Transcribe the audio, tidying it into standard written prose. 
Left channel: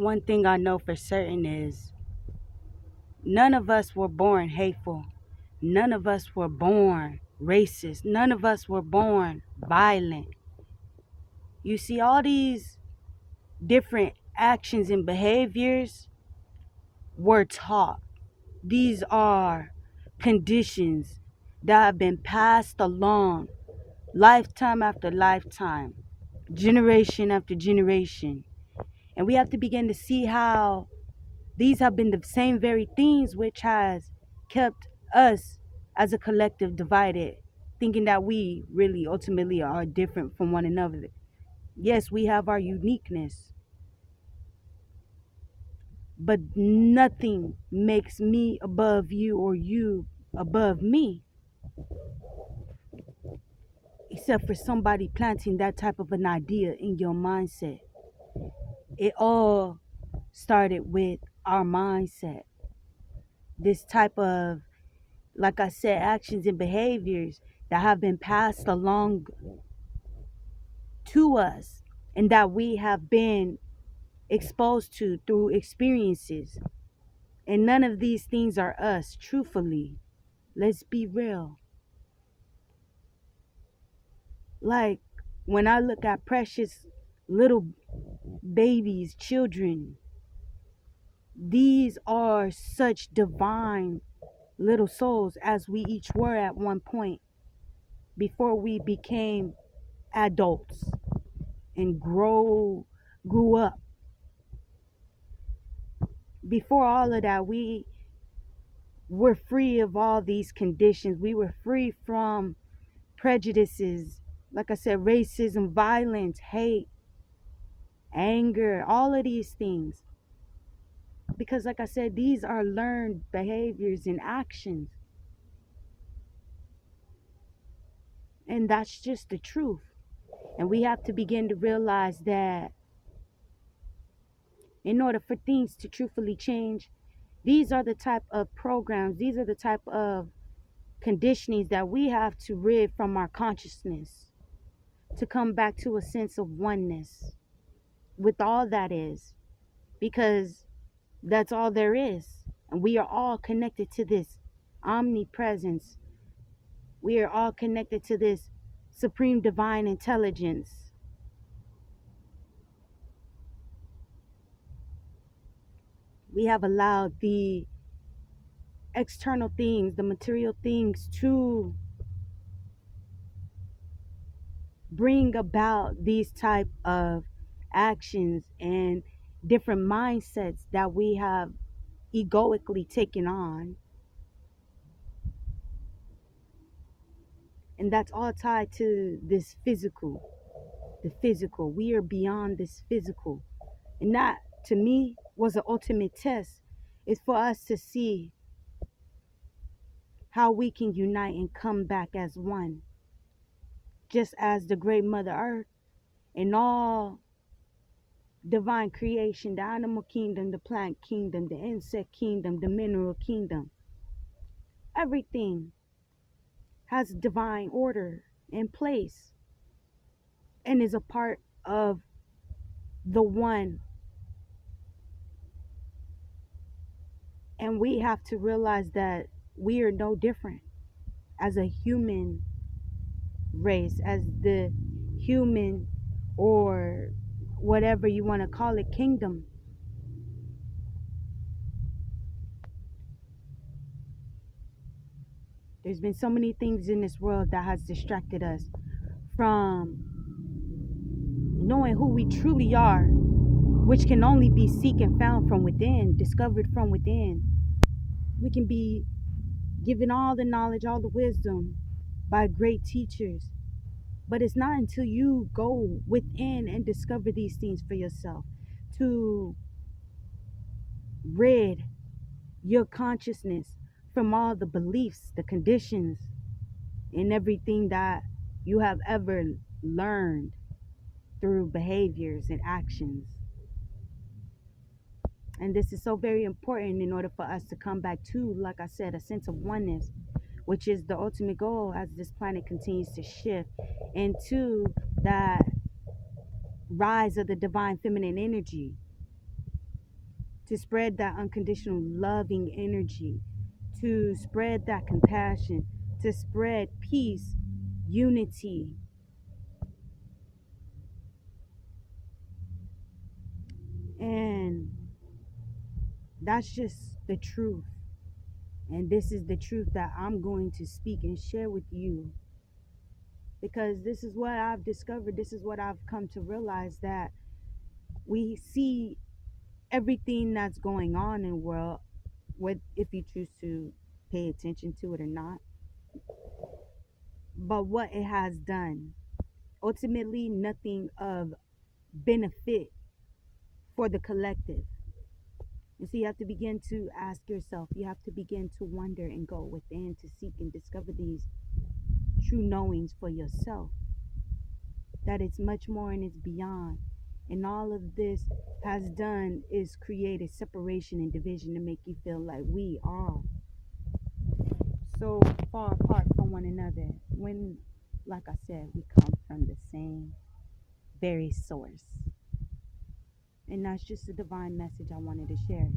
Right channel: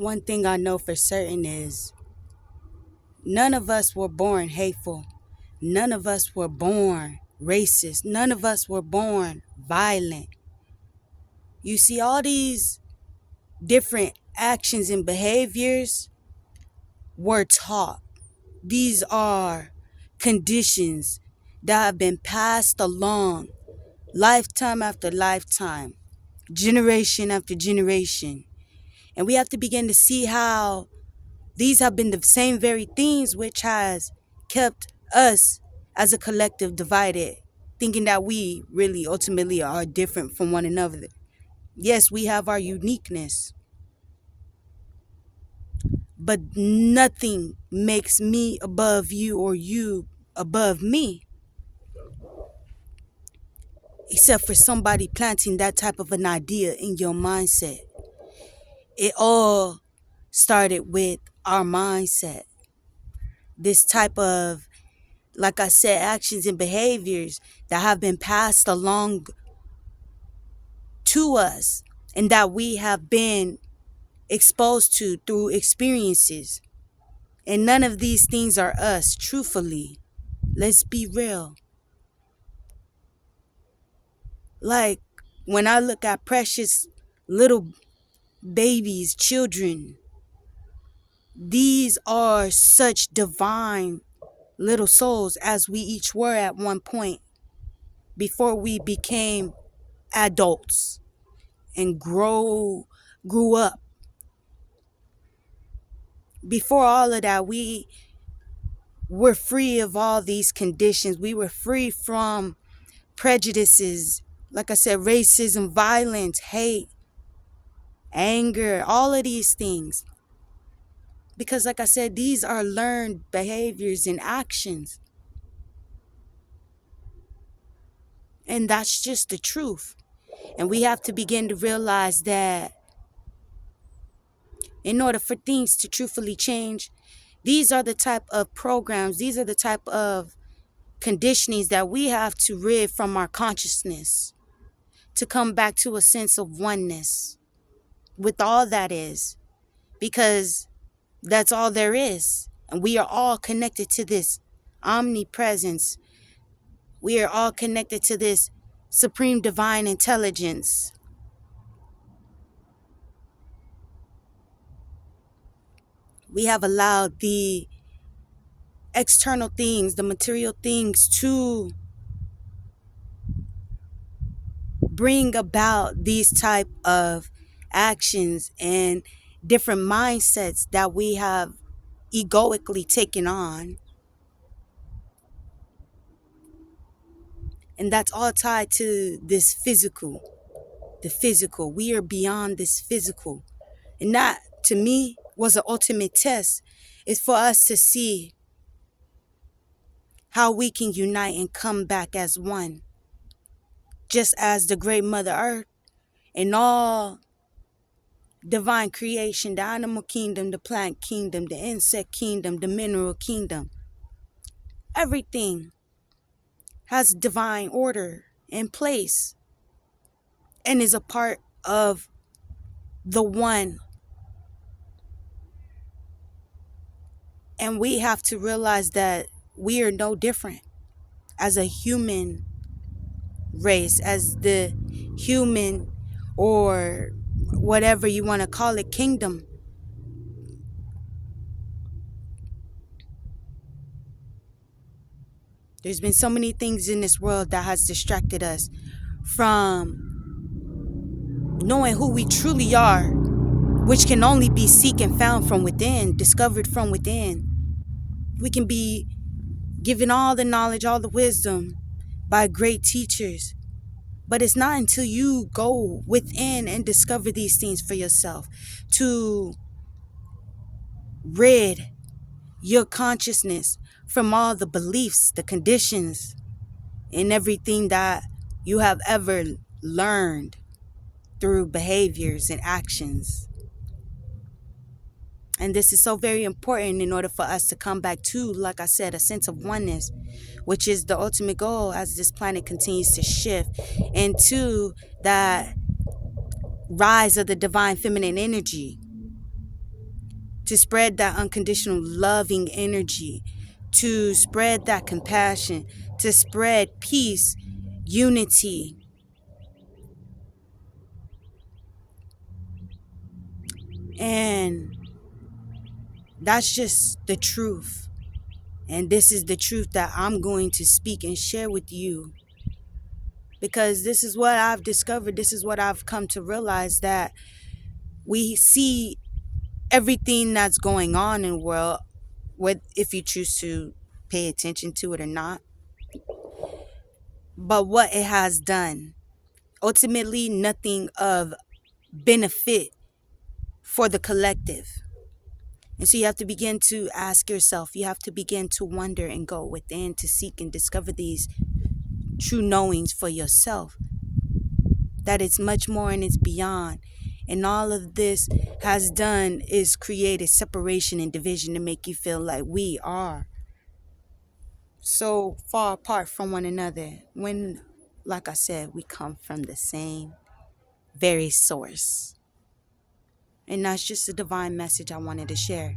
One thing I know for certain is none of us were born hateful. None of us were born racist. None of us were born violent. You see, all these different actions and behaviors were taught. These are conditions that have been passed along lifetime after lifetime, generation after generation. And we have to begin to see how these have been the same very things which has kept us as a collective divided, thinking that we really ultimately are different from one another. Yes, we have our uniqueness, but nothing makes me above you or you above me, except for somebody planting that type of an idea in your mindset. It all started with our mindset. This type of, like I said, actions and behaviors that have been passed along to us and that we have been exposed to through experiences. And none of these things are us, truthfully. Let's be real. Like when I look at precious little babies, children, these are such divine little souls as we each were at one point before we became adults and grew up. Before all of that, we were free of all these conditions. We were free from prejudices, like I said, racism, violence, hate, anger, all of these things. Because like I said, these are learned behaviors and actions. And that's just the truth. And we have to begin to realize that in order for things to truthfully change, these are the type of programs, these are the type of conditionings that we have to rid from our consciousness to come back to a sense of oneness with all that is, because that's all there is. And we are all connected to this omnipresence. We are all connected to this supreme divine intelligence. We have allowed the external things, the material things, to bring about these type of actions and different mindsets that we have egoically taken on. And that's all tied to this physical, the physical. We are beyond this physical. And that, to me, was an ultimate test. It's for us to see how we can unite and come back as one. Just as the great Mother Earth and all divine creation, the animal kingdom, the plant kingdom, the insect kingdom, the mineral kingdom, everything has divine order in place and is a part of the one. And we have to realize that we are no different as a human race, as the human, or whatever you want to call it, kingdom. There's been so many things in this world that has distracted us from knowing who we truly are, which can only be seek and found from within, discovered from within. We can be given all the knowledge, all the wisdom by great teachers, but it's not until you go within and discover these things for yourself to rid your consciousness from all the beliefs, the conditions, and everything that you have ever learned through behaviors and actions. And this is so very important in order for us to come back to, like I said, a sense of oneness, which is the ultimate goal as this planet continues to shift into that rise of the divine feminine energy. to spread that unconditional loving energy, to spread that compassion, to spread peace, unity. And that's just the truth. And this is the truth that I'm going to speak and share with you, because this is what I've discovered. This is what I've come to realize, that we see everything that's going on in the world, if you choose to pay attention to it or not, but what it has done. Ultimately, nothing of benefit for the collective. And so you have to begin to ask yourself, you have to begin to wonder and go within to seek and discover these true knowings for yourself, that it's much more and it's beyond. And all of this has done is created separation and division to make you feel like we are so far apart from one another, when, like I said, we come from the same very source. And that's just a divine message I wanted to share.